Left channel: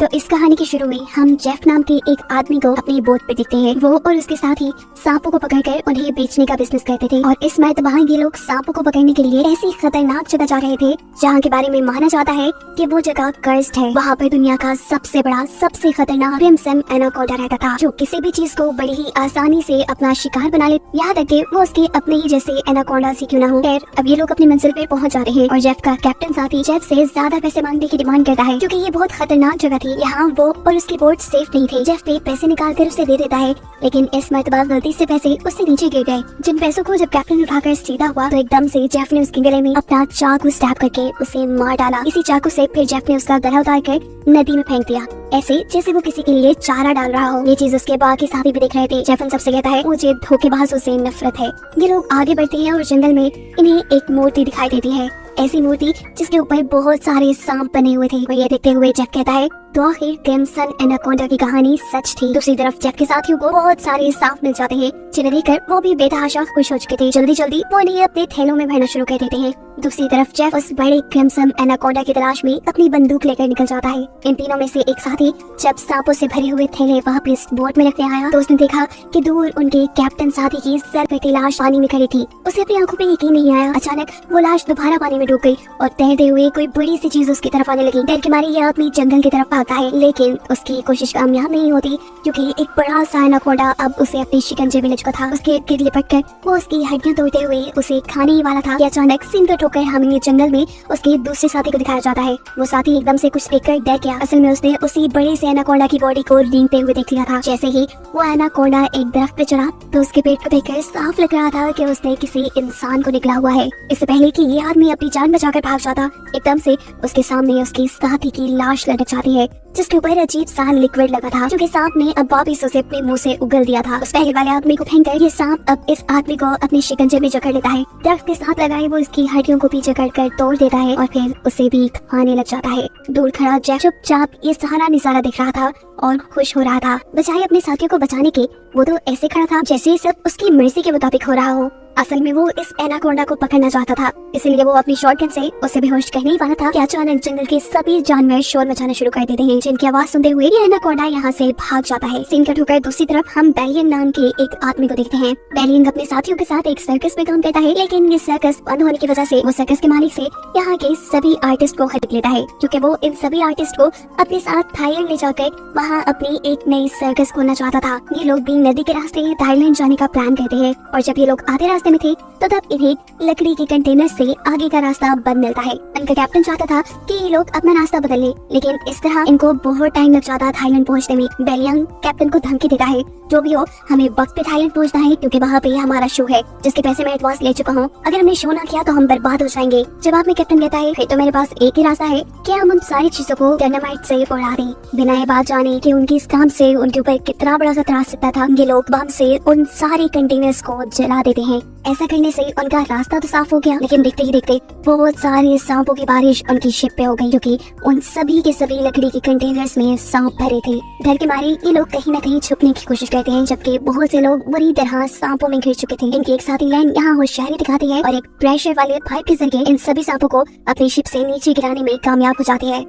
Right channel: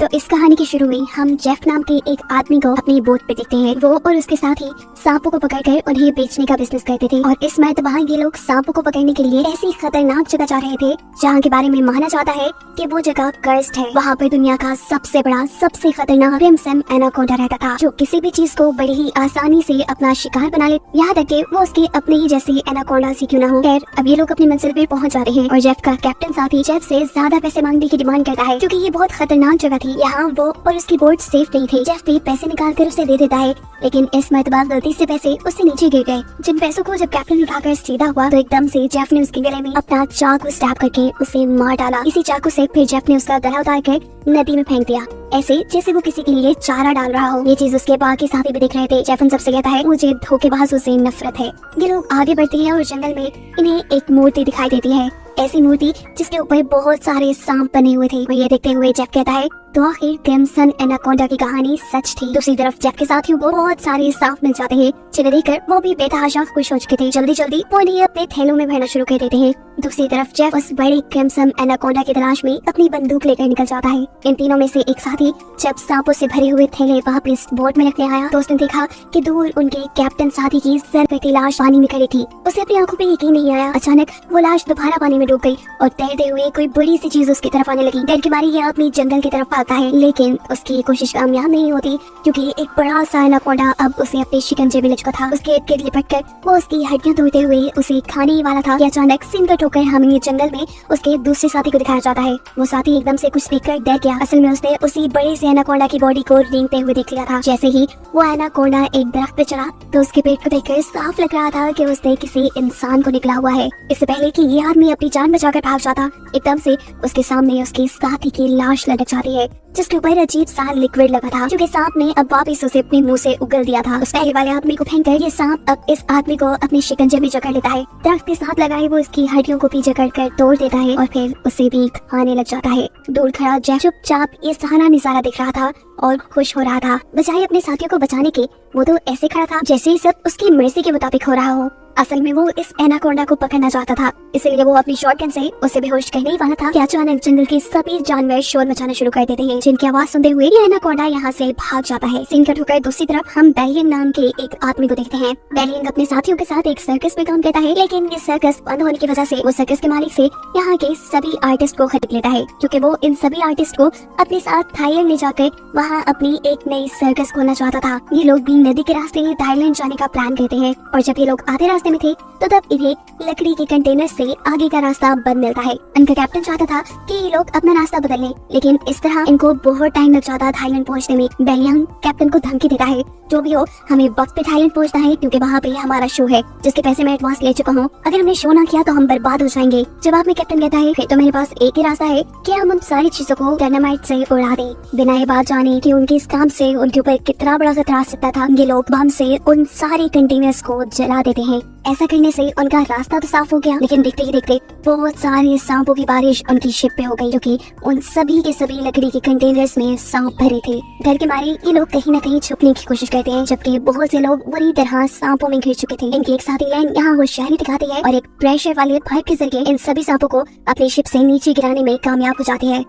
तो इस कहानी के शुरू में हम जेफ नाम के एक आदमी को अपनी बोट पे देखते हैं। वो और उसके साथ ही सांपों को पकड़कर उन्हें बेचने का बिजनेस करते थे और इस मर्द वहाँ ये लोग सांपों को पकड़ने के लिए ऐसी खतरनाक जगह जा रहे थे जहाँ के बारे में माना जाता है कि वो जगह कर्स्ड है। वहाँ पर दुनिया का सबसे बड़ा सबसे खतरनाक क्रिम्सन एनाकोंडा रहता था जो किसी भी चीज को बड़ी ही आसानी से अपना शिकार बना ले, यहाँ तक कि वो उसके अपने ही जैसे एनाकोंडा से क्यों ना हो। खैर अब ये लोग अपनी मंजिल पे पहुँच जाते हैं और जेफ का कैप्टन साथी जेफ से ज्यादा पैसे मांगने की डिमांड करता है क्योंकि ये बहुत खतरनाक जगह थी। यहाँ वो और उसकी बोट सेफ नहीं थी। जेफ भी पैसे निकाल कर उसे दे देता है लेकिन इस मर्तबा गलती से पैसे उससे नीचे गिर गए। जिन पैसों को जब कैप्टन उठाकर सीधा हुआ तो एकदम से जेफ ने उसके गले में अपना चाकू स्टैब करके उसे मार डाला। इसी चाकू से फिर जेफ ने उसका गला उतार कर नदी में फेंक दिया, ऐसे जैसे वो किसी के लिए चारा डाल रहा हो। ये चीज उसके बाकी साथी भी देख रहे थे। जेफ उन सबसे कहता है मुझे धोखेबाजों से नफरत है। ये लोग आगे बढ़ते हैं और जंगल में इन्हें एक मूर्ति दिखाई देती है, ऐसी मूर्ति जिसके ऊपर बहुत सारे सांप बने हुए थे। और ये देखते हुए जेफ कहता है तो आखिर क्रिम्सन एनाकोंडा की कहानी सच थी। दूसरी तरफ जेफ के साथियों को बहुत सारे सांप मिल जाते हैं जिन्हें देखकर वो भी बेतहाशा खुश हो चुके थे। जल्दी जल्दी वो इन्हें अपने थैलों में भरना शुरू कर देते हैं। दूसरी तरफ जेफ उस बड़े क्रिम्सन एनाकोंडा की तलाश में अपनी बंदूक लेकर निकल जाता है। इन तीनों में से एक साथी जब सांपों से भरे हुए थैले वापस बोट में रखने आया तो उसने देखा कि दूर उनके कैप्टन साथी की सर पे की लाश पानी में खड़ी थी। उसे अपनी आंखों पे यकीन नहीं आया। अचानक वो लाश दोबारा पानी में डूब गई और तैरते हुए कोई बड़ी सी चीज उसकी तरफ आने लगी। डर के मारे ये आदमी जंगल की तरफ भागता है लेकिन उसकी कोशिश कामयाब नहीं होती क्योंकि एक बड़ा सा एनाकोंडा अब उसे अपने शिकंजे में लिपटा था। उसके इर्द गिर्द लिपट कर वो उसकी हड्डियां तोड़ते हुए उसे खाने ही वाला था कि अचानक सीन कट होकर हमें जंगल में उसके दूसरे साथी को दिखाया जाता है। वो साथी एकदम से कुछ देखकर डर गया। असल में उसने उसी बड़े से एनाकोंडा की बॉडी को रेंगते हुए देख लिया था। जैसे ही वो एनाकोंडा एक दरख्त पे चढ़ा तो उसके पेट को देखकर साफ लग रहा था कि उसने किसी इंसान को निकला हुआ है। इससे पहले कि ये आदमी अपनी जान बचाकर भाग जाता एकदम से उसके सामने उसके साथी की लाश लटक जाती है जिसके ऊपर अजीब सा लिक्विड लगा था जो कि सांप ने अब वापिस उसे अपने मुंह से उगल दिया था। उस पहले वाले आदमी को फेंककर ये सांप अब इस आदमी को अपने शिकंजे में जकड़ लेता है। दरख्त के साथ लगाए वो इसकी हड्डियों को पीछे कर तोड़ देता है और फिर उसे भी खाने लग जाता है। दूर खड़ा जेफ चुपचाप ये सारा नजारा देख रहा था और खुश हो रहा था। बजाय अपने साथियों को बचाने के वो तो ऐसे खड़ा था जैसे सब उसकी मर्जी के मुताबिक हो रहा हो। असल में वो इस एनाकोंडा को पकड़ना चाहता था, इसलिए वो अपनी शॉटगन से उसे बेहोश करने ही वाला था कि अचानक जंगल के सभी जानवर शोर मचाना शुरू कर देते हैं जिनकी आवाज सुनते हुए ये एनाकोंडा यहाँ से भाग जाता है। सीन कट होकर दूसरी तरफ हम बेलियन नाम के एक आदमी को देखते हैं। बेलियन अपने साथियों के साथ एक सर्कस में काम करता है लेकिन ये सर्कस बंद होने की वजह से वो सर्कस के मालिक से यहाँ के सभी आर्टिस्ट को खरीद लेता है क्योंकि वो इन सभी आर्टिस्ट को अपने साथ थाईलैंड ले जाकर वहाँ अपनी एक नई सर्कस खोलना चाहता था। ये लोग भी नदी के रास्ते थाईलैंड जाने का प्लान करते हैं और जब ये लोग आधे रास्ते में थे तो तब इन्हें लकड़ी के कंटेनर से आगे का रास्ता बंद मिलता है। उनका कैप्टन चाहता था कि ये लोग अपना रास्ता बदल लें लेकिन इस तरह इनको बहुत टाइम लग जाता थाईलैंड पहुंचने में। बेलियन कैप्टन को धमकी देता है जो भी हो हमें वक्त पे थाईलैंड पहुंचना है क्योंकि वहाँ पे हमारा शो है जिसके पैसे मैं एडवांस ले चुका हूँ। अगर हमने शो ना किया तो हम बर्बाद हो जाएंगे। जवाब में कैप्टन कहता है फिर तो मेरे पास एक ही रास्ता है कि हम उन सारी चीजों को डायनामाइट से उड़ा दें बिना ये बात जाने कि उनकी इस काम से उनके ऊपर कितना बड़ा खतरा आ सकता था। ये लोग बम से उन सारे कंटेनर्स को जला देते हैं। ऐसा करने से उनका रास्ता तो साफ हो गया लेकिन देखते ही देखते बहुत सारे सांपों की बारिश उनकी शिप पे हो गई क्योंकि उन सभी के सभी लकड़ी के कंटेनर्स में सांप भरे थे। डर के मारे ये लोग कहीं न कहीं छुपने की कोशिश करते हैं जबकि बहुत से लोग बुरी तरह सांपों में घिर चुके थे। इनकी एक साथी लाइन यहाँ होशियारी दिखाती है और एक प्रेशर वाले पाइप के जरिए इन सभी सांपों को अपनी शिप से नीचे गिराने में कामयाब हो जाते हैं।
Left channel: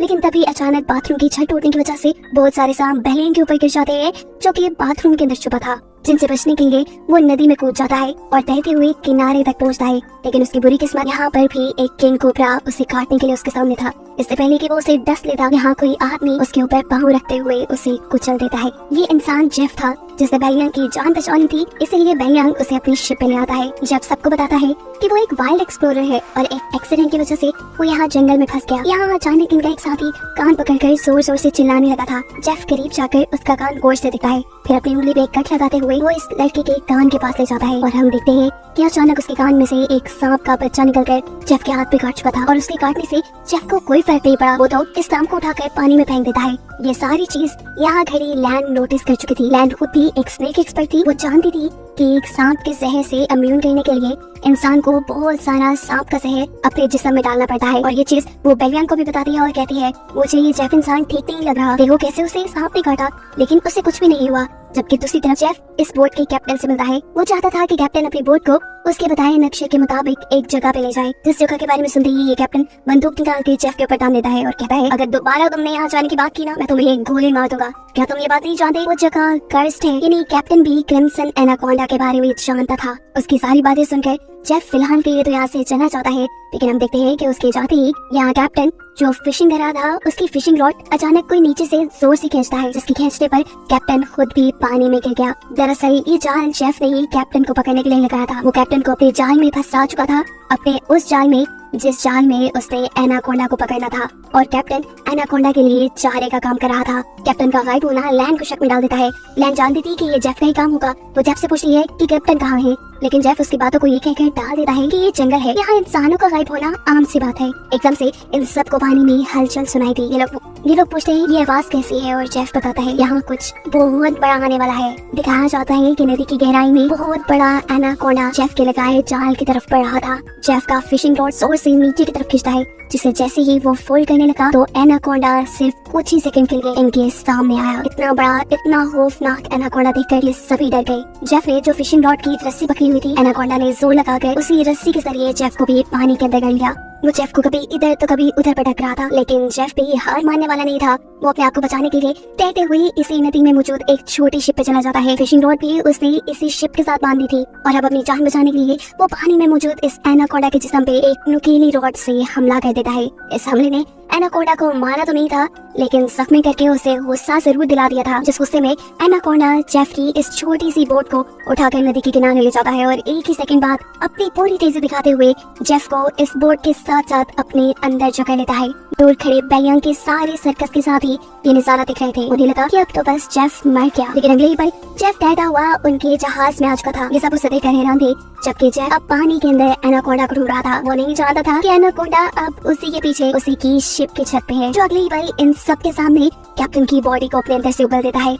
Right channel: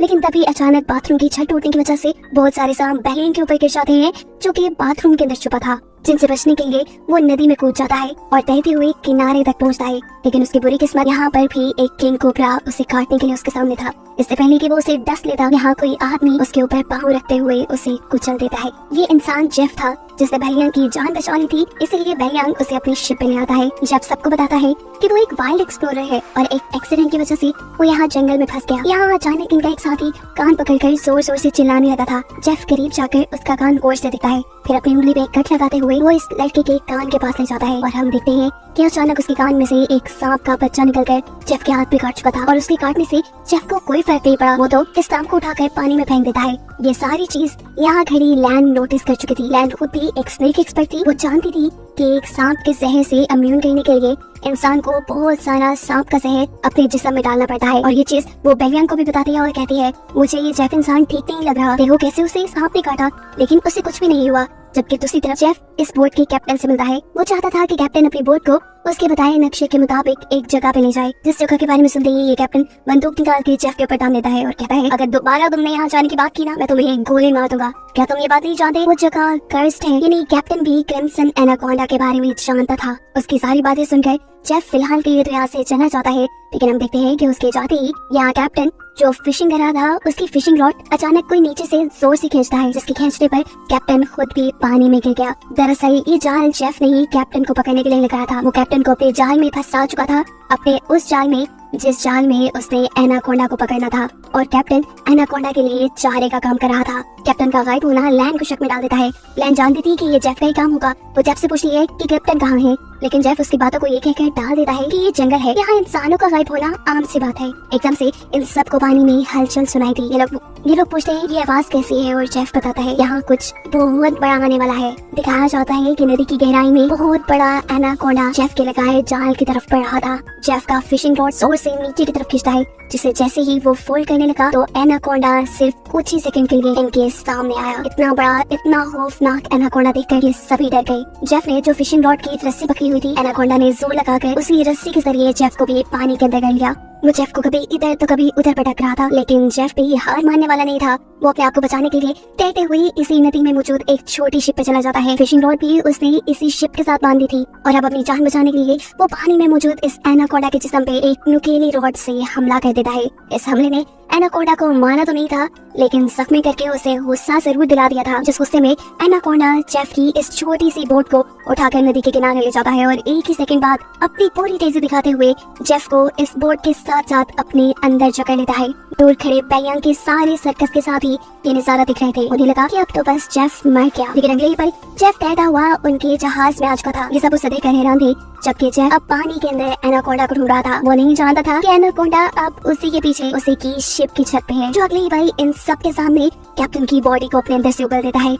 लेकिन तभी अचानक बाथरूम की छत टूटने की वजह से बहुत सारे सांप बेलियन के ऊपर गिर जाते हैं जो कि बाथरूम के अंदर छुपा था, जिनसे बचने के लिए वो नदी में कूद जाता है और तैरते हुए किनारे तक पहुंचता है। लेकिन उसकी बुरी किस्मत यहाँ पर भी एक किंग कोबरा उसे काटने के लिए उसके सामने था। इससे पहले कि वो उसे डस लेता यहाँ कोई आदमी उसके ऊपर पाँव रखते हुए उसे कुचल देता है। ये इंसान जेफ था जिसने बेलियन की जान बचानी थी, इसलिए बेलियन उसे अपनी शिप पे ले आता है। जब सबको बताता है कि वो एक वाइल्ड एक्सप्लोरर है और एक एक्सीडेंट की वजह से वो यहाँ जंगल में फंस गया। यहाँ अचानक इनका एक साथी कान पकड़कर जोर जोर से चिल्लाने लगा था। जेफ करीब जाकर उसका कान गौर से देखता है, फिर अपनी उंगली पे कट लगाते हुए वो इस लड़के के कान के पास ले जाता है और हम देखते हैं कि अचानक उसके कान में से एक सांप का बच्चा निकलकर जेफ के हाथ पे काट चुका था और उसके काटने से जेफ को कोई फर्क नहीं पड़ा। वो तो इस सांप को उठाकर पानी में फेंक देता है। ये सारी चीज यहाँ खड़ी लैंड नोटिस कर चुकी थी। लैंड खुद भी एक स्नेक एक्सपर्ट थी। वो जानती थी कि एक सांप के जहर से इम्यून करने के लिए इंसान को बहुत सारा सांप का जहर अपने जिस्म में डालना पड़ता है और ये चीज वो बेलियन को भी बताती है और कहती है मुझे ये जेफ इंसान ठीक नहीं लग रहा। देखो कैसे उसे सांप ने काटा लेकिन उसे कुछ भी नहीं हुआ। जबकि दूसरी तरफ जेफ इस बोट के कैप्टन से मिलता है। वो चाहता था कि कैप्टन अपनी बोट को उसके बताए नक्शे के मुताबिक एक जगह पे ले जाए। जिस जगह के बारे में सुनते ही ये कैप्टन बंदूक निकाल के जेफ के ऊपर टान देता है और कहता है, अगर दोबारा तुमने यहाँ जाने की बात की ना, मैं तुम्हें गोली मार दूंगा। क्या तुम ये बात नहीं जानते? वो जगह कर्स्ड है। यानी कैप्टन भी क्रिम्सन एनाकोंडा के बारे में जानता था। उसकी सारी बातें सुनकर जेफ फिलहाल के लिए तो यहाँ से चलना चाहता है, लेकिन हम देखते हैं कि उसके जाते ही यहाँ कैप्टन जो फिशिंग कर रहा था उसकी फिशिंग रॉड अचानक कोई नीचे से जोर से खींचता है, जिसके खींचने पर कैप्टन खुद भी पानी में गिर गया। दरअसल ये जाल जेफ ने ही कैप्टन को पकड़ने के लिए लगाया था। वो कैप्टन को अपने जाल में फंसा चुका था, अपने उस जाल में जिस जाल में उसने एनाकोंडा को पकड़ना था, और कैप्टन एनाकोंडा के लिए चारे का काम कर रहा था। कैप्टन का गायब होना लैन को शक में डाल देता है। लैन जानती थी कि ये जेफ का ही काम होगा। वो जेफ से पूछती है कि कैप्टन कहाँ है, लेकिन जेफ उसकी बातों को ये कहकर डाल देता है कि ये जंगल है, यहाँ इंसानों का गायब होना आम सी बात है। एकदम से इन सबको पानी में हलचल सुनाई दी। ये लोग पूछते हैं ये आवाज कैसी है, और जेफ बताता है यहाँ कुछ बहुत बड़ा आने वाला है। दिखाया जाता है कि नदी की गहराई में बहुत बड़ा एनाकोंडा जेफ के लगाए जाल की तरफ बढ़ रहा था। जेफ का फिशिंग रॉड जोर से नीचे की तरफ खींचता है, जिसे जैसे ही वो फोल्ड करने लगा तो एनाकोंडा सिर्फ कुछ ही सेकंड के लिए इनके सामने आया। इतना बड़ा, इतना खौफनाक एनाकोंडा देखकर ये सभी डर गए। जेफ ने जो फिशिंग रॉड की रस्सी पकड़ी हुई थी, एनाकोंडा ने जोर लगाकर उसी रस्सी के जरिए जेफ को भी पानी के अंदर कर लिया। वो जेफ को कभी इधर तो कभी उधर पटक रहा था, लेकिन जेफ भी हार मानने वाला नहीं था। वो अपने आप को बचाने के लिए तैरते हुए इसी नदी में मौजूद एक छोटी शिप पे चला जाता है। फिशिंग रॉड भी उसने इसी शिप के साथ बांधी थी, और अब अपनी जान बचाने के लिए वो पानी में मौजूद इस एनाकोंडा के जिस्म पे एक नुकीली रॉड से हमला कर देता है। इस हमले ने एनाकोंडा को मारा तो नहीं था, लेकिन जख्मी करके उसे गुस्सा जरूर दिला दिया था। जिस गुस्से में एनाकोंडा जेफ की इस छोटी सी बोट को उठाकर नदी के किनारे ले जाता है, और एक ही सेकंड बाद अपनी पूरी तेजी दिखाते हुए जेफ को इस बोट के साथ साथ अपने अंदर जकड़ लेता है। दूर खड़े बैयांग के सारे सर्कस के साथ ही ये नजारा दिख रहे थे। उन्हें लगा कि अब तो बस जेफ मर गया, लेकिन अगले ही पल जेफ तैरता हुआ उनके जहाज में आ चुका था। ये सब उसे देखकर हैरान थे, जबकि जेफ अब पानी के अंदर एनाकोंडा को ढूंढ रहा था। वो नहीं जानता था कि एनाकोंडा अब उसी के पीछे उसी की शिप की छत पे है, जो अगले ही पल इन सब के सामने कैप्टन की बॉडी को अपने अंदर से उगल देता है।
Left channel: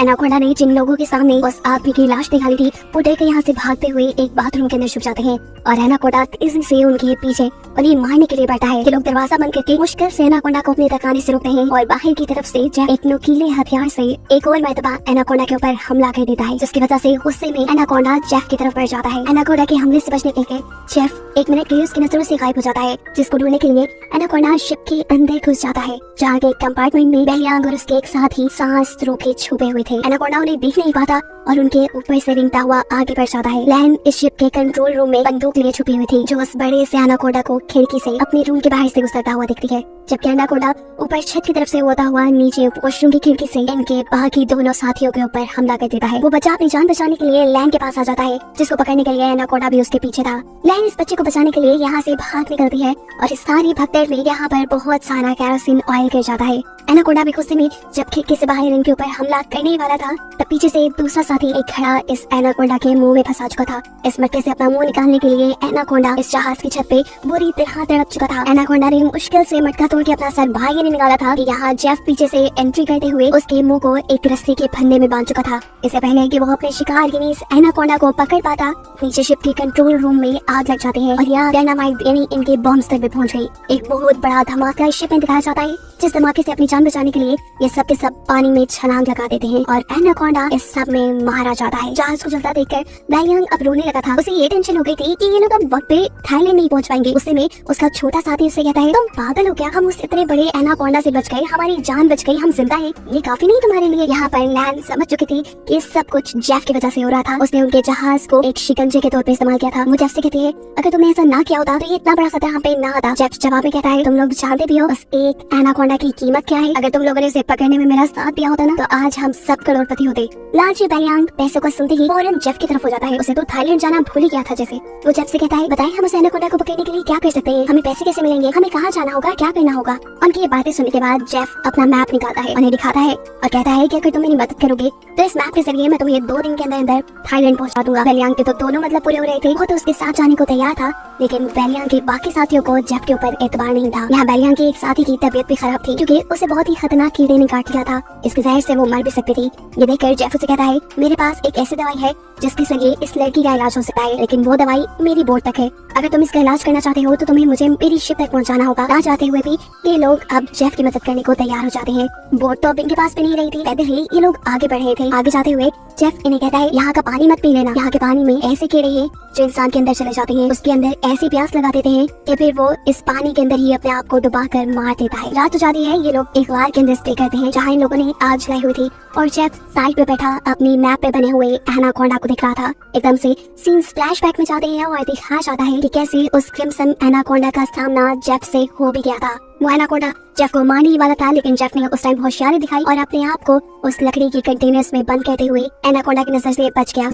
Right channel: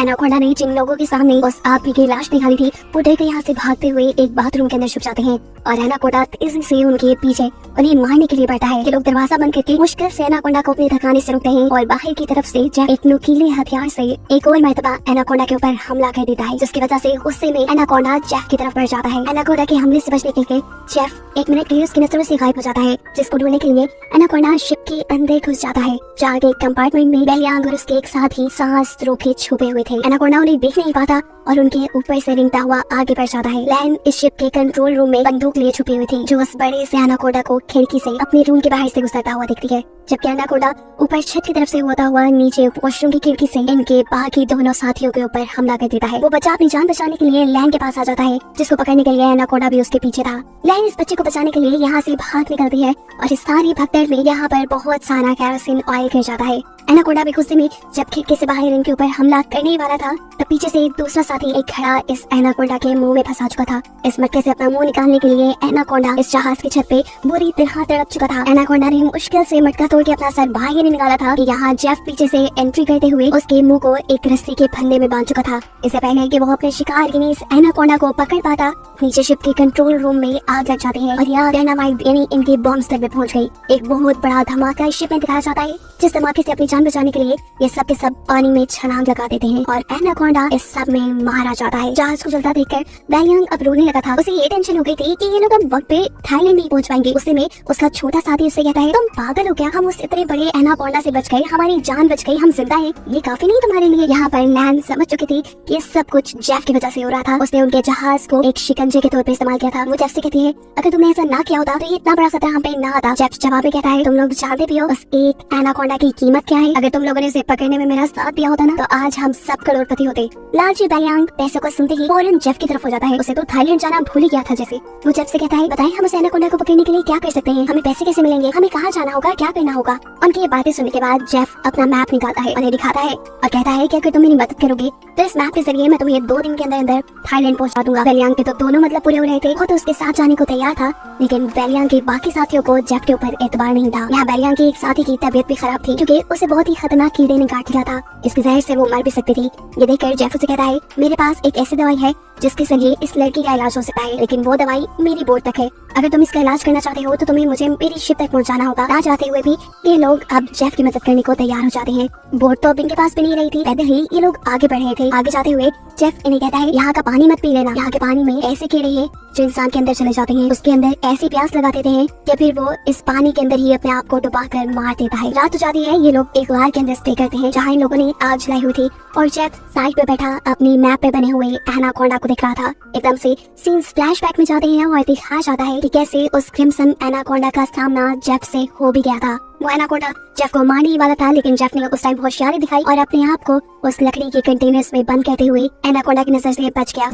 एनाकोंडा ने जिन लोगों के सामने उस आदमी की लाश निकाली थी, वो डर के यहाँ से भागते हुए एक बाथरूम के अंदर छुप जाते हैं, और एनाकोंडा तेजी से उनके पीछे उन्हें मारने के लिए बढ़ता है। ये लोग दरवाजा बंद करके मुश्किल से एनाकोंडा को अपने तक आने से रोकते हैं, और बाहर की तरफ से एक नुकीले हथियार से एक और मर्तबा एनाकोंडा के ऊपर हमला कर देता है, जिसकी वजह से गुस्से में एनाकोंडा जेफ की तरफ बढ़ जाता है। एनाकोंडा के हमले से बचने के लिए जेफ एक मिनट के लिए उसकी नजरों से गायब हो जाता है, जिसको ढूंढने के लिए एनाकोंडा शिप के अंदर घुस जाता है, जहाँ के कंपार्टमेंट में बैयांग और उसके एक साथ ही सांस रोके छुपे हुए थे। एनाकोंडा उन्हें देख नहीं पाता और उनके ऊपर से रिंगता हुआ आगे बढ़ जाता है। लैन इस शिप के कंट्रोल रूम में बंदूक लिए छुपी हुई थी, जो उस बड़े से एनाकोंडा को खिड़की से अपने रूम के बाहर से गुजरता हुआ दिखती है, जबकि एनाकोंडा ऊपर छत की तरफ से होता हुआ नीचे वॉशरूम की खिड़की से इनके बाकी दोनों साथियों के ऊपर हमला कर देता है। वो बच्चा अपनी जान बचाने के लिए लैन के पास आ जाता है, जिसको पकड़ने के लिए एनाकोंडा भी उसके पीछे था। लैन इस बच्चे को बचाने के लिए यहाँ से भाग निकलती है, और इस सारी भगदड़ में यहाँ पर बहुत सारा केरोसिन ऑयल गिर जाता है। एनाकोंडा भी गुस्से में जब खिड़की से बाहर इनके ऊपर हमला करने वाला था, तब पीछे से एक दूसरा साथी एक घड़ा इस एनाकोंडा के मुंह में फंसा चुका था। इस मटके से अपना मुंह निकालने के लिए एनाकोंडा इस जहाज की छत पे बुरी तरह तड़प चुका था। एनाकोंडा ने मुश्किल से मटका तोड़ के अपना सर बाहर निकाला था कि यहाँ जेफ पीछे से एंट्री करते हुए उसके मुंह को एक रस्सी के फंदे में बांध चुका था। इससे पहले कि वो अपने शिकार यानी इस एनाकोंडा को पकड़ पाता, नीचे शिप के कंट्रोल रूम में आग लग जाती है, और यहाँ डायनामाइट यानी इनके बॉम्ब तक भी पहुँच गई। एक बहुत बड़ा धमाका शिप में दिखाया जाता है, जिस धमाके से अपनी जान बचाने के लिए ये सब के सब पानी में छलांग लगा देते हैं, और एनाकोंडा इस सब में मारा जाता है। जहाज को जलता देखकर बैयांग अब रोने लगा था। उसे ये टेंशन हो गई थी कि ये लोग अब वक्त पे थाईलैंड नहीं पहुंच पाएंगे। उससे में उसका छोटा साथी उससे कहता है, तुम पागल हो क्या? हम उस इतने बड़े एनाकोंडा से बच गए, हमारी जान बच गई, हम जिंदा हैं, ये काफी नहीं तुम्हारे लिए? यहाँ पर लैन समझ चुकी थी कि सब कुछ जेफ की वजह से हो रहा था। उसने उनके जहाज को एक शिकंजे के तौर पे इस्तेमाल किया था। वो जेफ से कहती है, अगर तुमने ऐसा ना किया होता तो ये इतना बड़ा खतरा हम पे ना आता। जेफ जवाब में कहता है, तुम लोग जानते भी हो बस एक एनाकोंडा की कीमत क्या है। अगर तुम लोगों ने उसे पकड़ने में मेरा साथ दिया होता ना, तो आज हम सब करोड़पति होते। लालची बैयांग पैसों को सुनते ही फौरन जेफ की तरफ हो जाता है। उसे तो थाईलैंड जाना भूल ही गया था जैसे। वो जेफ से कहता है, बताइए हम उस एनाकोंडा को पकड़ने के लिए क्या कर सकते हैं? हमें पैसे कैसे मिलेंगे? हमें कहाँ जाना होगा? क्या करना होगा? उनकी ये बातें सुनने के बाद जेफ अपना मैप निकालता है, उन्हें दिखाता है और कहता है कि अगर तुम मेरी मदद करोगे तो इस मैप के जरिए मैं तुम्हें 2 दिन के अंदर अंदर थाईलैंड पहुंचा दूंगा। बैयांग के तो दोनों मतलब पूरे हो रहे थे। वो तो उसके साथ जाने को तैयार था, लेकिन बैयांग के बाकी साथियों को जेफ के ऊपर एतबार नहीं था। यहाँ बैयांग के एक साथी की तबीयत भी खराब थी, क्योंकि उसे बहुत ही खतरनाक कीड़े ने काट लिया था, इसके जहर से वो मर भी सकती थी। ये देखकर जेफ उसे कहता है, मेरे पास एक ऐसी दवाई है जिसके जरिए इस लड़की का इलाज हो सकता है, लेकिन वो दवाई मेरी बोट तक है। अगर तुम इसका इलाज करना चाहते हो तो तुम्हें मुझे मेरी शिप तक पहुंचाना होगा। ना चाहते हुए भी ये लोग अब जेफ की मदद करने को तैयार हो जाते हैं। बोट तो अब इनके पास भी नहीं रही थी। पैदल ही ये लोग आगे बढ़ रहे थे। आगे जाते हुए जेफ इन्हें कहता है, यहाँ का पानी मत पी लेना, यहाँ के पानी में ऐसे कीड़े हैं जो इंसान के अंदर चले जाते हैं। उसके अंदर ऐसी प्यास लगा देते हैं कि फिर वो इस पानी के अंदर ही अपने आप को डुबा कर मार देता है। रात हो जाती है। ये लोग एक गार के अंदर स्टे करते हैं जहाँ इन लोगों ने आग जलाई हुई थी और जेफ साइड पे बैठा अपनी मैप पे बने हुए एनाकोंडा को देख रहा था। एकदम से सीन फ्लैशबैक में जाते हैं और दिखाया जाता है कि कैसे उस क्रिम्सन एनाकोंडा का सामना जेफ से हो भी गया था। वो एनाकोंडा जेफ को मारने ही वाला था, लेकिन जेफ ने उस टाइम होशियारी दिखाई और अपने आप को उस लकड़ी के कंटेनर्स में बंद करते हुए एनाकोंडा की नजर से बच गया।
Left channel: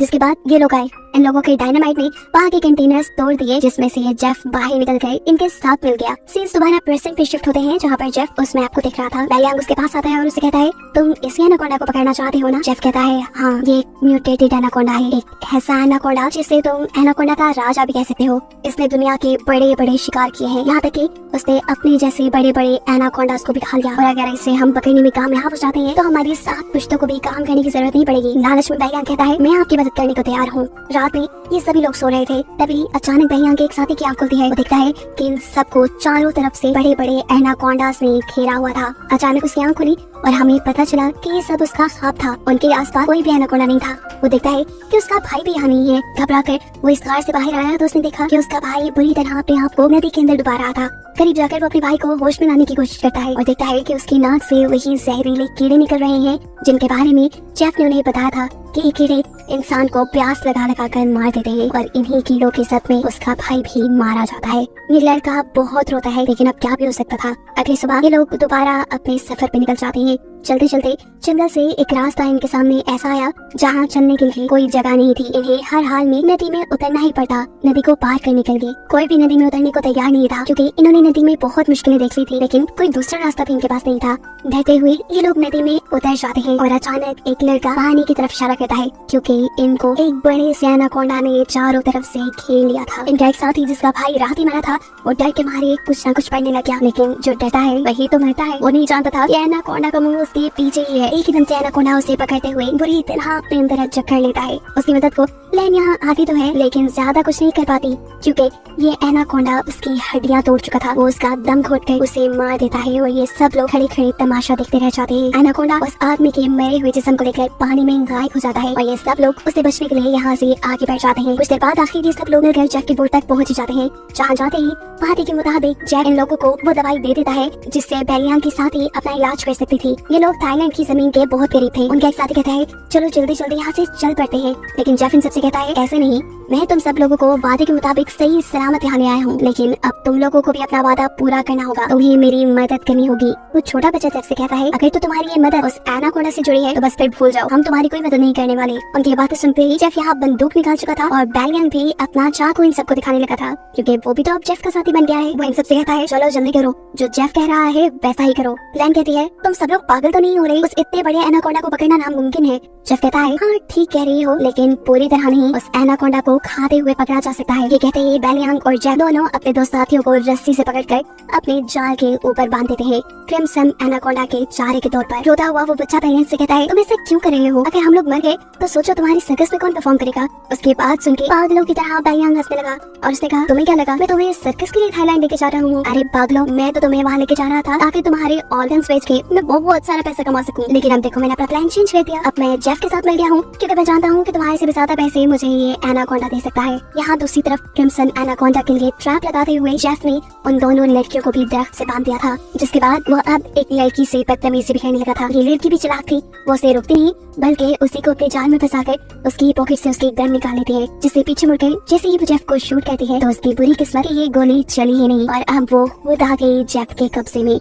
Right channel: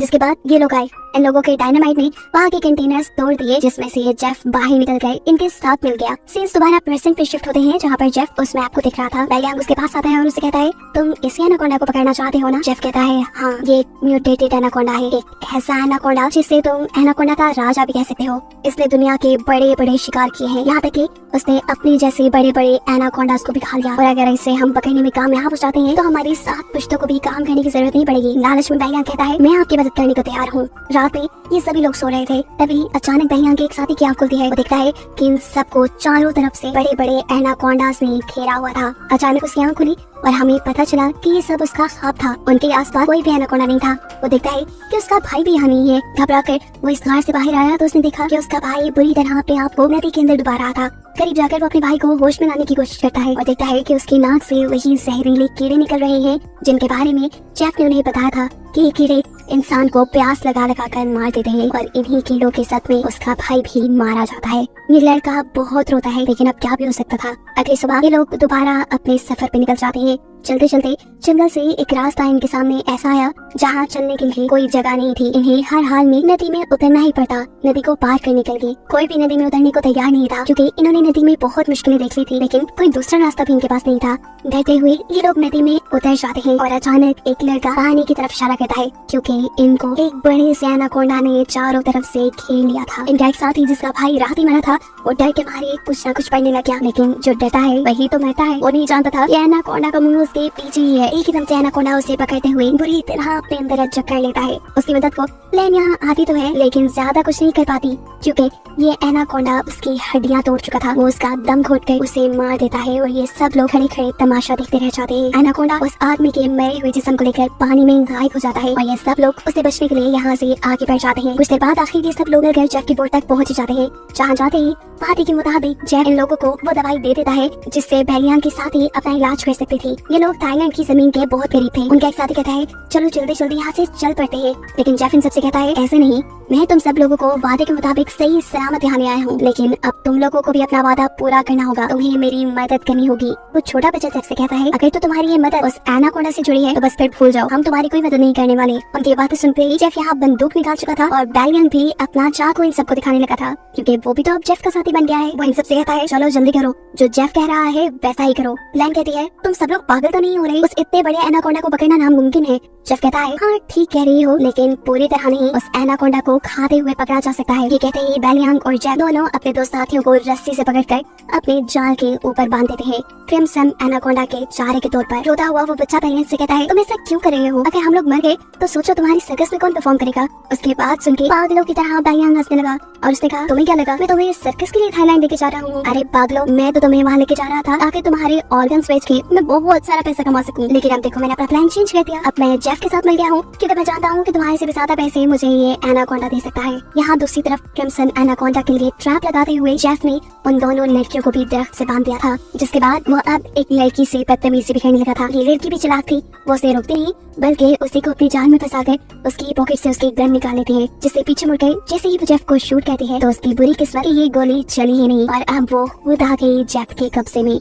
जिसके बाद ये लोग आए। इन लोगों के डायनामाइट ने वहाँ के कंटेनर्स तोड़ दिए, जिसमें से ये जेफ बाहर निकल गए, इनके साथ मिल गया। सीन्स दोबारा प्रेजेंट पे शिफ्ट होते हैं जहाँ पर जेफ उस मैप को देख रहा था। बैलियांग उसके पास आता है और उसे कहता है, तुम इसी एनाकोंडा को पकड़ना चाहते हो ना? जेफ कहता है, हाँ, ये एक म्यूटेटेड एनाकोंडा है, एक ऐसा एनाकोंडा जिसे तुम एनाकोंडा का राजा भी कह सकते हो। इसने दुनिया के बड़े बड़े शिकार किए हैं, यहाँ तक कि उसने अपने जैसे बड़े बड़े एनाकोंडास को भी खा लिया। और अगर इसे हम पकड़ने में कामयाब हो जाते हैं तो हमारी 7 पुश्तों को भी काम करने की जरूरत नहीं पड़ेगी। लालच में बैलियांग कहता है, मैं आपकी मदद करने को तैयार हूँ। रात में ये सभी लोग सो रहे थे, तभी अचानक बैलियांग के एक साथी की आंख खुलती है। वो देखता है कि इन सबको चारों तरफ से बड़े बड़े एनाकोंडास ने घेरा हुआ था। अचानक उसकी आंख खुली और हमें पता चला कि ये सब उसका ख्वाब था। उनके आसपास कोई भी एनाकोंडा नहीं था। वो देखता है कि उसका भाई भी यहाँ नहीं है। घबराकर वो इस घर से बाहर आया तो उसने देखा कि उसका भाई बुरी तरह अपने आप को नदी के अंदर डुबा रहा था। करीब जाकर वो अपने भाई को होश में लाने की कोशिश करता है और देखता है कि उसकी नाक से वही जहरीले कीड़े निकल रहे हैं जिनके बारे में जेफ ने उन्हें बताया था कि ये कीड़े इंसान को प्यास लगा लगा कर मार देते हैं और इन्हीं कीड़ों के सद में उसका भाई भी मारा जाता है। ये लड़का बहुत रोता है, लेकिन अब क्या भी हो सकता था। अगली सुबह ये लोग दोबारा अपने सफर पे निकल जाते हैं। चलते चलते जंगल से एक रास्ता इनके सामने ऐसा आया जहाँ चलने के लिए कोई जगह नहीं थी। इन्हें हर हाल में नदी में उतरना ही पड़ता, नदी को पार करने के लिए। कोई भी नदी में उतरने को तैयार नहीं था क्योंकि इन्होंने नदी में बहुत मुश्किलें देख ली थी, लेकिन कोई दूसरा रास्ता भी इनके पास नहीं था। डरते हुए ये लोग नदी में उतर जाते हैं और अचानक एक लड़का पानी की तरफ इशारा करता है क्योंकि इनको एक बड़े से एनाकोंडा ने चारों तरफ से घेर लिया था। इनका एक साथी जिसका भाई रात ही मरा था, वो डर के मारे कुछ न कुछ पढ़ने लग गया, लेकिन जो डरता है वही तो मरता है। वो नहीं जानता था कि एनाकोंडा का मुंह उसके पीछे ही है। एक एकदम से एनाकोंडा उसे पकड़ते हुए बुरी तरह अपने अंदर जकड़ लेता है। उसकी मदद को लेन यहाँ आती तो है, लेकिन ज्यादा कुछ नहीं कर पाती क्योंकि ये एनाकोंडा उसकी हड्डियां तोड़ चुका था। वो उसका दम घोट कर उसे मार देता है और ये सब लोग खड़े खड़े तमाशा देखते रह जाते हैं। एनाकोंडा उस आदमी के मरे हुए जिस्म को लेकर पानी में गायब हो जाता है और ये सब लोग उससे बचने के लिए यहाँ से आगे बढ़ जाते हैं। कुछ देर बाद आखिर ये सब लोग मिलकर जेफ की बोट तक पहुँच जाते हैं। जहाँ जाते ही वादे के मुताबिक जेफ इन लोगों को वो दवाई दे देता है जिससे बैलियांग के साथ ही अपना इलाज कर सकती थी। ये लोग थाईलैंड की जमीन के बहुत करीब थे। उनका एक साथी कहता है, चलो जल्दी जल्दी यहाँ से चल पड़ते हैं, लेकिन जेफ इन सबसे कहता है, ऐसे नहीं, मैं तुम सब लोगों को वादे के मुताबिक सही सलामत यहाँ ले आया हूँ, लेकिन अब तुम लोगों को भी अपना वादा पूरा करना होगा, तुम्हें मेरी मदद करनी होगी। वो छोटा बच्चा जेफ से कहता है, अगर तो तुम्हारी ये मदद उस एनाकोंडा से जुड़ी है तो बस फिर भूल जाओ, हम तुम्हारी कोई मदद नहीं करने वाले। उनकी बातें सुनते ही जेफ यहाँ बंदूक निकाल चुका था और बैलियांग भी अपना चाकू इन सबको दिखाने लगा था क्योंकि वो भी तो अब जेफ का साथी बन गया है। वो इन सबसे कहता है, चलो जल्दी करो, जो जेफ कह रहा है वैसा ही करो। लैन कहती है, तुम सब लोग पागल तो नहीं हो रहे, उस इतने बड़े एनाकोंडा को पकड़ना नामुमकिन है। जेफ कहता है, हाँ ठीक कह रही हो, लेकिन पूरी तरह नहीं, उस एनाकोंडा को खाते हुए पकड़ा जा सकता है। ये कहते ही बैलियांग और जेफ दोनों अपने दो साथियों को रस्सी से पकड़कर अपने जाल के ऊपर बांध देते हैं, क्रिम्सन एनाकोंडा के चारे के तौर पर। रोता हुआ वो बच्चा बैलियांग से कहता है, तुम ऐसा क्यों कर रहे हो? अगर हम लोग मर गए तो सोचो तुम्हारी सर्कस में कौन परफॉर्म करेगा? उसके बाद सुन के पागलों की तरह बैलियांग हंसने लगा और उसने कहा, तुम्हें क्या लगा मैं तुम्हें सर्कस के लिए थाईलैंड लेके जा रहा हूँ? अरे पागलों, मैं तो तुम्हें वहाँ लेके जा रहा था ताकि तुम्हारे ऑर्गन्स बेच के मैं बहुत सारा पैसा कमा सकूं, लेकिन अब देखो मैंने अपना प्लान चेंज कर दिया। अब मैं जेफ के साथ मिल गया हूँ क्योंकि मैं जानता हूँ कि तुम्हारे से भी ज्यादा पैसे मुझे ये एनाकोंडा दे सकता है। यहाँ दूसरी तरफ क्रिम्सन एनाकोंडा के लिए ट्रैप लगाते हुए जेफ ने उन दोनों लड़कियों को भी दरख्त से बांध दिया था, जिसके बाद वो अब एक लड़की से बदतमीजी भी करने लगा था। ये लड़की भी चालाक थी, वो उसे रोकती नहीं बल्कि उसी को अपनी जान में फंसाकर उसकी पॉकेट से उसकी गन निकाल लेती है, जिससे पीछे मुड़कर जैसे ही वो जेफ को शूट करती है तो उसकी बुरी किस्मत ये गोली चली ही नहीं और अब वो खुद आ गई जेफ के कब्जे में।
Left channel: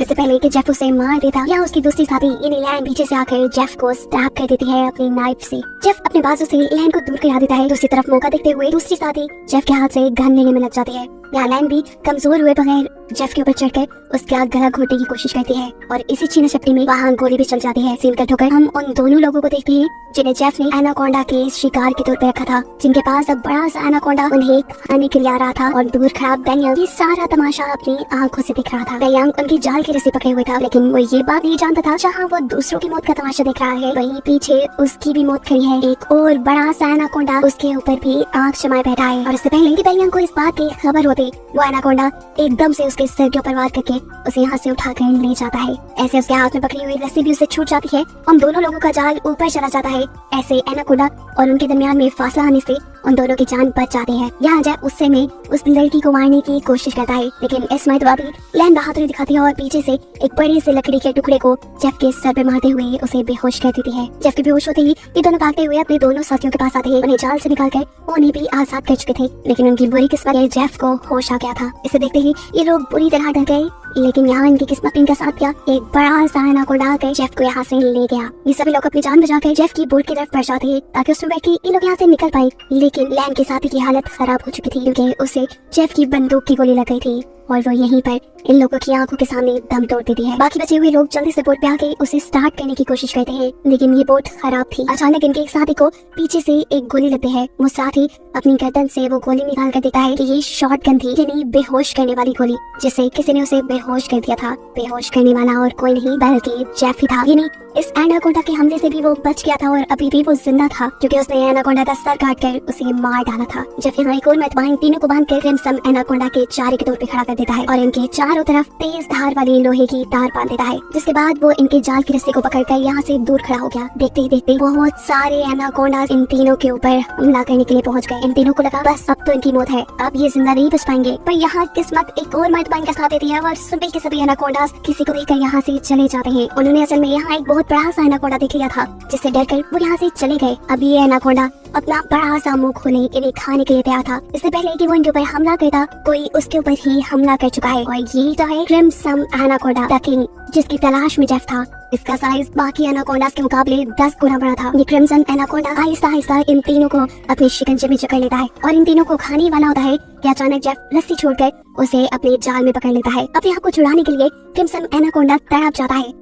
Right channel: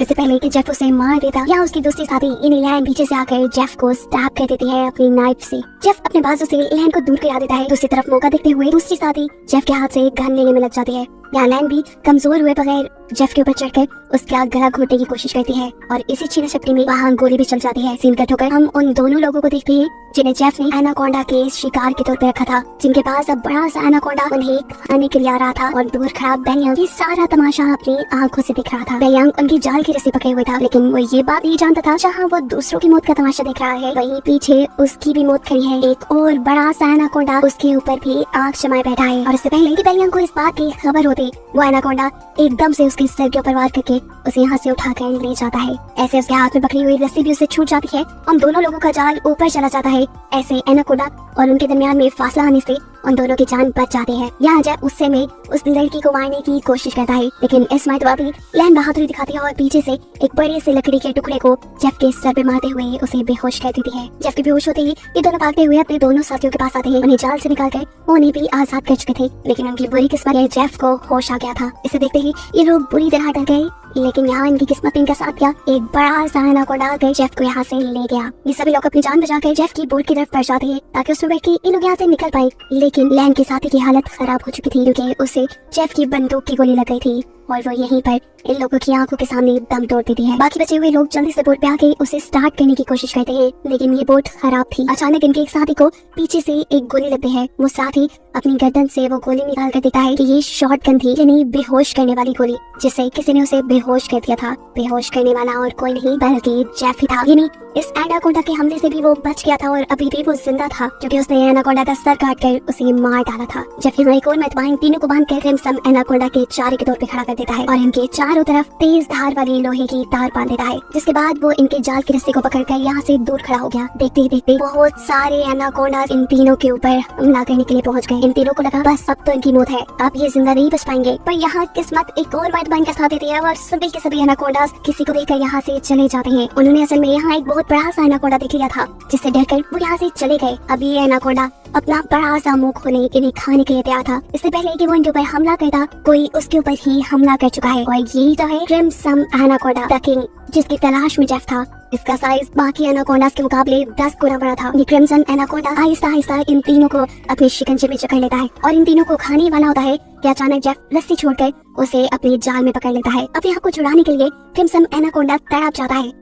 इससे पहले कि जेफ उसे मार देता या उसकी दूसरी साथी इलैन पीछे से आकर जेफ को स्टैब कर देती है अपनी नाइफ से। जेफ अपने बाजू से इलैन को दूर गिरा देता है। दूसरी तरफ मौका देखते हुए दूसरी साथी जेफ के हाथ से गन लेने में लग जाती है। इलैन भी कमजोर हुए बगैर जेफ के ऊपर चढ़कर उसका गला घोटने की कोशिश करती है और इसी छीना झपटी में वहाँ गोली भी चल जाती है। सीन कट होकर हम उन दोनों लोगों को देखते हैं जिन्हें जेफ ने एनाकोंडा के शिकार के तौर पर रखा था, जिनके पास अब बड़ा सा एनाकोंडा उन्हें खाने के लिए आ रहा था और दूर खड़ा डैनियल ये सारा तमाशा अपनी आंखों से दिख रहा था। डैनियल उनकी जाल की रस्सी पकड़े हुए था, लेकिन वो ये बात नहीं जानता था जहाँ वो दूसरों की मौत का तमाशा देख रहा है वहीं पीछे उसकी भी मौत खड़ी है। एक और बड़ा सा एनाकोंडा उसके ऊपर भी आंख जमाए बैठा है और इससे पहले कि डैनियल को इस बात की खबर होती वो एनाकोंडा एकदम से उसके सर के ऊपर वार करके उसे यहाँ से उठाकर ले जाता है। ऐसे उसके हाथ में पकड़ी हुई रस्सी भी उसे छूट जाती है। उन दोनों लोगों का जाल ऊपर चला जाता है। ऐसे एनाकोंडा और उनके दरमियान में फासला आने से उन दोनों की जान बच जाती है। यहाँ जब उससे में उस लड़की को मारने की कोशिश करता है, लेकिन इस्माइल भी लैन बहादुरी दिखाती है और पीछे से एक बड़ी सी लकड़ी के टुकड़े को जेफ के सर पर मारते हुए उसे बेहोश कर देती है। जेफ के बेहोश होते ही ये दोनों भागते हुए अपने दोनों साथियों के पास आते हैं। उन्हें जाल से निकालकर उन्हें भी आजाद कर चुके थे, लेकिन उनकी बुरी किस्मत है जेफ को होश आ गया था। इसे देखते ही ये लोग बुरी तरह डर गए, लेकिन यहाँ इनकी किस्मत इनके साथ क्या एक बड़ा सा एनाकोंडा आकर जेफ को यहाँ से ले गया। ये सभी लोग अपनी जान बचाकर जेफ की बोट की तरफ बढ़ जाते हैं ताकि उसमें बैठ के ये लोग यहाँ से निकल पाए, लेकिन लैन के साथी की हालत खराब हो चुकी थी क्योंकि उसे जेफ की बंदूक की गोली लग गई थी और वो यहीं पर इन लोगों की आंखों के सामने दम तोड़ देती है। बाकी बचे हुए लोग जल्दी से बोट पे आके उसे स्टार्ट करने की कोशिश करते हैं, लेकिन ये बोट खराब थी। अचानक इनके एक साथी को पीछे से एक गोली लगती है। वो साथी अपनी गर्दन से वो गोली निकाल कर देता है कि ये शॉटगन थी, यानी बेहोश करने वाली गोली, जिससे किसी ने उसे बेहोश कर दिया था। बेहोश करने वाला और कोई नहीं बल्कि जेफ ही था। यानी इस एनाकोंडा के हमले से भी वो बच गया था और अभी भी वो जिंदा था क्योंकि उसने एनाकोंडा का सर काट कर उसे मार डाला था। जेफ यहाँ एक और मर्तबा इन तीनों को बांध कर क्रिम्सन एनाकोंडा के चारे के तौर पे खड़ा कर देता है और इनके चारों तरफ तेज धार वाली लोहे की तार बांध देता है, जिसके बाद वो इनके जाल की रस्सी को पकड़कर यहाँ से दूर खड़ा हो गया। देखते ही देखते बहुत सारे एनाकोंडा इन तीनों के ऊपर हमला करने के लिए पहुँच गए। इन तीनों को लगा बस अब तो इनकी मौत है, अब ये जिंदा नहीं बच पाएंगे, पर यहाँ किस्मत एक और मर्तबा इनका साथ देती है और सभी के सभी एनाकोंडा किसी को देखकर यहाँ से चले जाते हैं। उन्होंने असल में यहाँ एक बहुत बड़ा सा एनाकोंडा देख लिया था, जिससे डरकर वो यहाँ से चले गए। अब ये एनाकोंडा अपना बड़ा सा मुंह खोले इन्हें खाने के लिए तैयार था। इससे पहले कि वो इनके ऊपर हमला करता कोई उसके ऊपर ही हमला कर चुका है और यही तो है क्रिम्सन एनाकोंडा द किंग, जिसकी तलाश में जेफ था। इसका साइज बाकी एनाकोंडास के मुकाबले 10 गुना बड़ा था। ये क्रिम्सन एनाकोंडा आहिस्ता आहिस्ता इन तीनों को अपने शिकंजे में जकड़ लेता है और इन तीनों को खाने वाला होता है कि अचानक जेफ रस्सी छोड़कर उसे अपने जाल में पकड़ लेता है। अब यहाँ को छुड़ाने के लिए क्रिम्सन एनाकोंडा तड़प जाता है।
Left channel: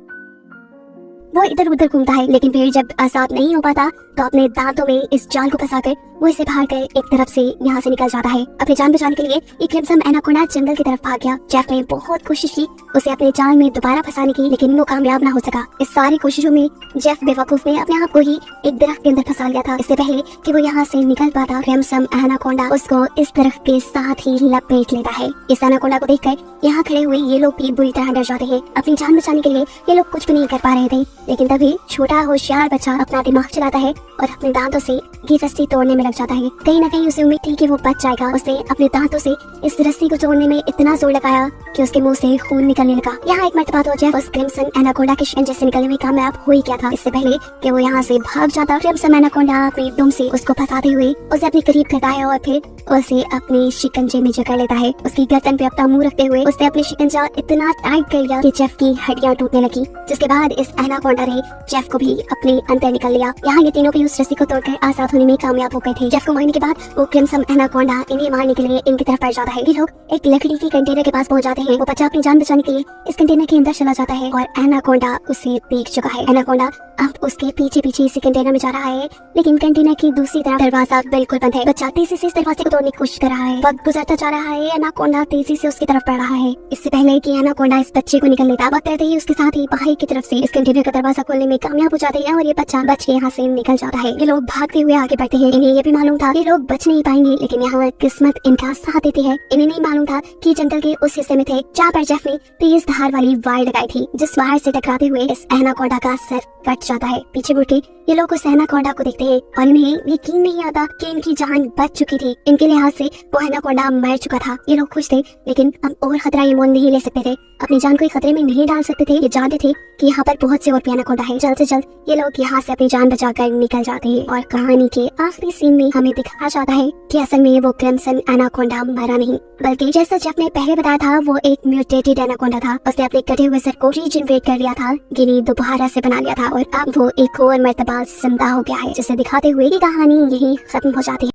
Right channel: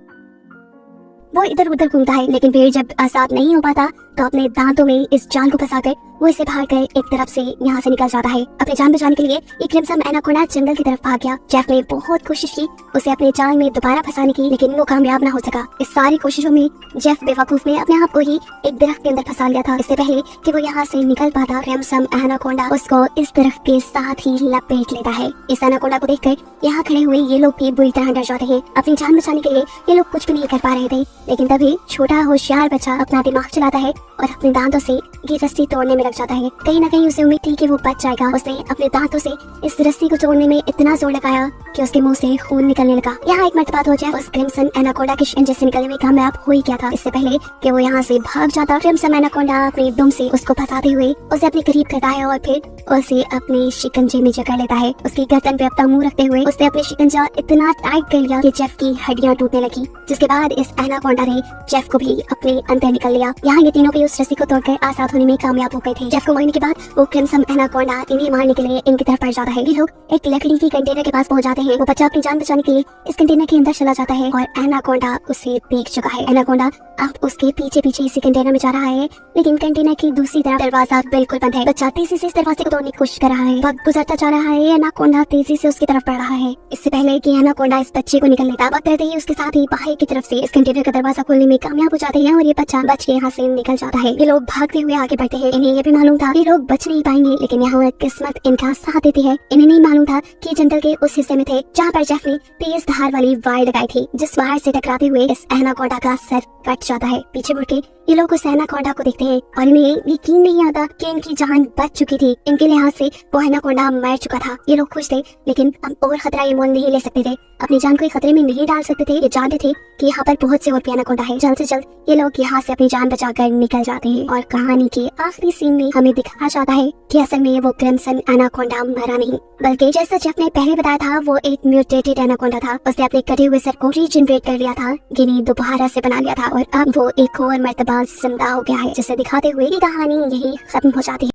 वो इधर उधर घूमता है, लेकिन फिर जब आजाद नहीं हो पाता तो अपने दांतों में इस जाल को फंसाकर वो इसे भाग कर एक तरफ से यहाँ से निकल जाता है। अपनी जान बचाने के लिए ये क्रिम्सन एनाकोंडा जंगल की तरफ भाग गया। जेफ ने बहुत कोशिश की उसे अपने जाल में दोबारा फंसाने की, लेकिन वो कामयाब ना हो सका। इस सारी कोशिशों में जेफ बेवकूफ ने अपने आप को ही एक दरख्त के अंदर फंसा लिया था। इससे पहले कि वो यहाँ से निकल पाता क्रिम्सन एनाकोंडा उसको इस दरख्त के साथ ही लपेट लेता है। इस एनाकोंडा को देखकर यहाँ खड़े हुए ये लोग भी बुरी तरह डर जाते हैं। अपनी जान बचाने के लिए ये लोग कुछ भी नहीं कर पा रहे थे, लेकिन तभी छोटा होशियार बच्चा अपना दिमाग चलाता है और अपने दांतों से ये रस्सी तोड़ने में लग जाता है। कहीं ना कहीं उसे उम्मीद थी कि वो बच जाएगा। उसने अपने दांतों से इस रस्सी को तोड़ने में इतना जोर लगाया कि उसके मुंह से खून निकलने लगा। यहाँ एक मर्तबा तो जेफ उस क्रिम्सन एनाकोंडा के शिकंजे से निकलने में कामयाब हो ही गया था। इससे पहले कि वो यहाँ से भाग जाता, क्रिम्सन एनाकोंडा अपने दुम से उसको फंसाते हुए उसे अपने करीब करता है और फिर उसे अपने शिकंजे में जकड़ लेता है। उसकी गर्दन पे अपना मुंह रखते हुए उसने अपने शिकंजा इतना टाइट कर लिया कि जेफ की हड्डियां टूटने लगी, जिसके बाद इस एनाकोंडा ने जेफ को भी अपने अंदर निकल लिया। यहाँ ये तीनों भी उस रस्सी को तोड़कर आजाद होने में कामयाब हो गए थे। जेफ को मारने के बाद वो क्रिम्सन एनाकोंडा इन्हें मारने के लिए इनकी तरफ बढ़ जाता है। ये लोग एक लकड़ी की कंटेनर के पास पहुंच जाते हैं। वो बच्चा अपनी जान बचाने के लिए इस कंटेनर के अंदर चला जाता है और एनाकोंडा उसे देख चुका है। एनाकोंडा अब उसके पीछे पीछे इसी कंटेनर में जा रहा है, लेकिन कंटेनर की दूसरी तरफ दरवाजा बिल्कुल बंद है। बच्चा तेजी से इस दरवाजे को तोड़ने की कोशिश कर रहा है। वक्त गुजरता जा रहा है, एनाकोंडा तेजी से उसकी तरफ बढ़ रहा है। इससे पहले कि एनाकोंडा इस बच्चे को निकल लेता, वक्त रहते ही उसके साथ ही बाहर की तरफ से इस कंटेनर का दरवाजा खोलने में कामयाब हो जाते हैं और ये बच्चा बच के यहाँ से निकल जाता है। ये लोग भागते हुए आगे बढ़ते हैं। इन्हें ये भी मालूम था ये लोग बच नहीं पाएंगे, लेकिन यहाँ किस्मत इनका साथ देती है। इन्हें नहीं मालूम था कि जंगल के उस हिस्से में थे जहाँ पर जेफ ने तेज धार वाली वायर लगाई थी, जिस वायर से टकराते हुए इस एनाकोंडा का सर कट जाता है। पीछे मुड़ के ये लोग उस एनाकोंडा को देखते हैं और इन्हें यकीन नहीं आता कि इनकी जान बच चुकी थी। इनके लिहाज से वो एनाकोंडा मर चुका था। ये लोग खुश थे, लेकिन अब और खतरा ये मोल नहीं ले सकते थे। अपनी जान को खतरे में नहीं डाल सकते थे। ये जानते थे कि यहाँ पर बहुत से और भी एनाकोंडा है। जल्द से जल्द ये लोग यहाँ से अपनी जान बचाकर निकल जाते हैं और कहानी के आखिरी सीन में हमें दिखाया जाता है कि असल में वो क्रिम्सन एनाकोंडा मरा नहीं, बल्कि जैसा जेफ ने पहले बताया था वो एक म्यूटेटेड एनाकोंडा था। उसने अपने कटे हुए सर को रीजनरेट कर लिया था, गिनी दोबारा से बना लिया था और अब वो एक और मर्तबा जिंदा हो गया है, जिसे दिखाते हुए ये कहानी यही खत्म हो जाती है।